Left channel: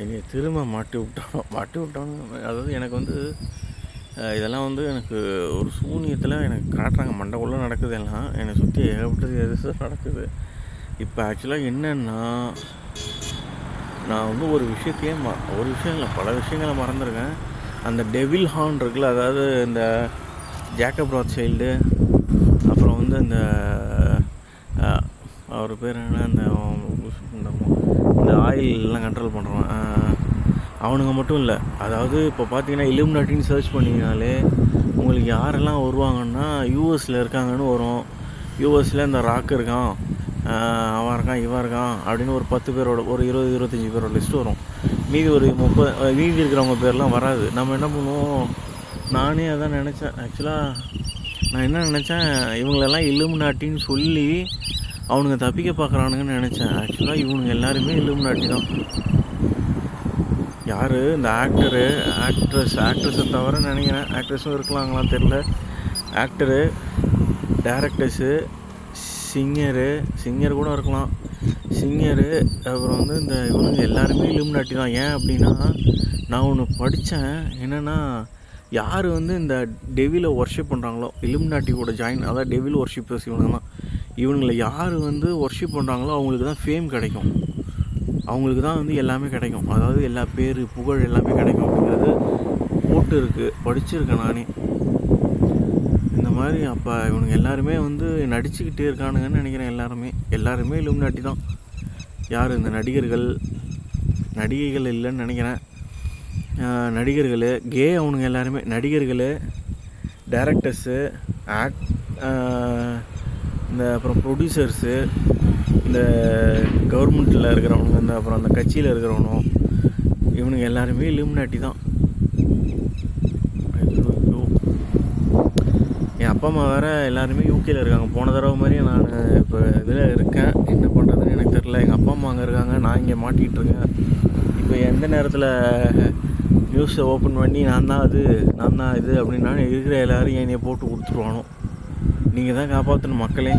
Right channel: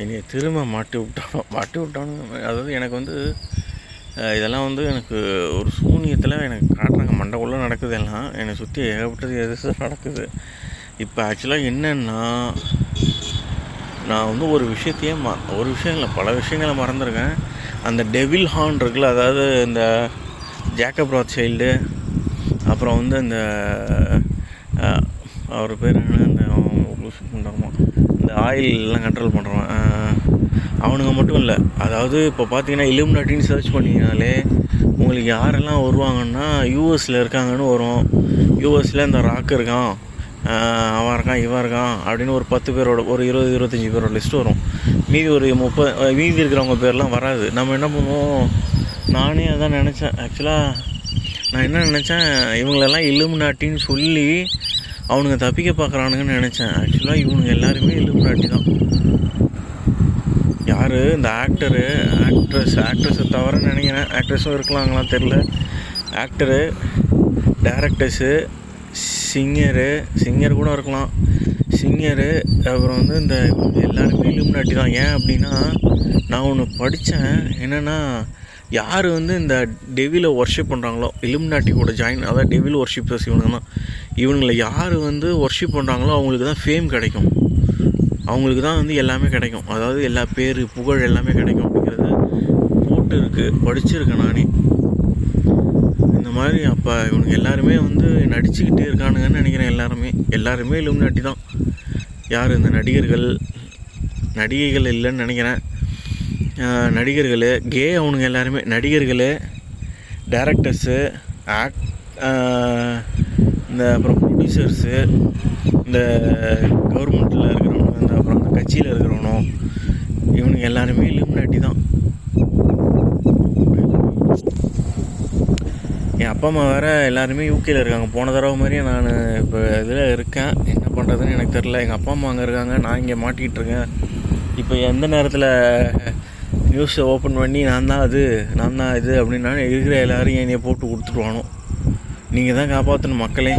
என்னை திரும்ப மாட்டி விட்டானுங்க. அதாவது எனக்கு வந்து இதெல்லாம் வந்து எனக்கு ஒரு சூனியத்தில் எனக்கு காட்டுறாங்க. மண்டைக்குள்ளே நடக்குது எல்லாம், என்னை சுற்றி ஏகப்பட்டது எது நடக்குது. இப்போ ஆக்சுவலாக என்னென்னா, நான் வந்து ஒரு விஷயம் இல்லை, பல விஷயங்களை மறந்துருக்கேன். அந்த டெவில் ஹார்ன் இருக்குல்ல, அதாவது இந்த ஜேக்கப் ராத்சைல்டு, அப்புறம் வந்து இந்த அவர் பேர் என்ன, இந்த ஆயிலெலாம் கண்ட்ரோல் பண்ணுறவன், அவனுங்க மட்டும் இல்லை. அதாவது இப்போ பார்த்தீங்கன்னா இல்லுமினாட்டின்னு சர்ச் பண்ணிங்கனாலே உங்களுக்கு யாரெல்லாம் வருவாங்கன்னா யூஎஸில் இருக்காங்கன்னு வரும். யூஎஸில் இந்த ராக் இருக்கான், அவன் இருக்கான், இவன் இருக்கான் அப்படின்னு ஒரு 10 பேரோட, ஒரு 20-25 பேரோட லிஸ்ட்டு வரும். மீதி ஒரு 30 மீதி இருக்கிறவங்க பேர்லாம் வராது. நம்ம என்ன பண்ணுவோம், நானே அதான் நினச்சேன். ஆக்சுவலாக நான் என்ன நினச்சேன், இவங்களெல்லாம் இல்லுமினாட்டின்னு சொல்லி அவனுங்க தப்பிக்க பார்க்குறானுங்கன்னு நினச்சேன். ஆக்சுவலாக இவனுங்க எல்லாருமே இல்லுமினாட்டி தான். யார் இந்த ஆக்ட்ரஸை தவிர நினைக்கிறேன். ஆக்ட்ரஸும் இருக்கலாங்களாம் தெரில. ஆக்டரு, டைரக்டர்ஸு, சிங்கர் கூட இருக்கலாம். சிங்கரு, அப்புறம் வந்து இந்த இவங்க எல்லாருமே இல்லுமினாட்டி தான். ஏன் அப்படின்னா, நான் ஒன்று படித்தேன். என்னென்னா, யார் வந்து இந்த டெவிலை ஒர்ஷிப் பண்ணுறாங்களோ, இல்லுமினாட்டி கூட ஜாயின், அதாவது டெவில் ஒர்ஷிப்பர்ஸ் இவனுங்க தான். இவனுங்களை யார் வந்து ஒர்ஷிப் பண்ணுறாங்களோ அவங்களுக்கு தான் ஃபேம் கிடைக்கும், அவங்களுக்கு தான் வந்து எல்லாமே கிடைக்கும். அதாவது எல்லா பேர், புகழ் எல்லாமே கிடைக்கும் அப்படிங்கிறது போட்டு இருக்குது, படிச்சிருக்கேன் நானே இந்த மாதிரி. அப்போ இவனுங்க எல்லாருமே வந்து நடிச்சுக்கிட்டே இருக்கானுங்கன்னு நினைக்கிறேன். எல்லாருமே இல்லுமினாட்டி தான். யார் இந்த நடிகைகள் இல்லைன்னு நினைக்கிறேன். நடிகர்கள், அவனுங்க எல்லாருமே நடிகர்கள், டைரக்டர்ஸு, இந்த அப்புறம் ப்ரொடியூசர்ஸு, இந்த கவர்மெண்ட்டில் இருக்கிறவனுங்க, இந்த அப்புறம் அந்த கட்சியில் இருக்கிறவனும், இவனுங்க எல்லாருமே இல்லுமினாட்டி தான். என் அப்பா அம்மா வேறு எல்லாருமே யூகேயில் இருக்காங்க. போன தடவை மாதிரியே நான் இப்போ இதில் இருக்கேன். என்ன பண்ணுறதுன்னு எனக்கு தெரில. எங்கள் அப்பா அம்மா அங்கே இருக்காங்க, நான் இங்கே மாட்டிகிட்டு இருக்கேன். இப்போ எந்த நேரத்தில் நியூஸை ஓப்பன் பண்ணி நான் தான் இது அப்படின்னா இருக்கிற எல்லோரும் என்னையை போட்டு கொடுத்துருவானோ. நீங்கள் தான் காப்பாற்றணும் மக்களே.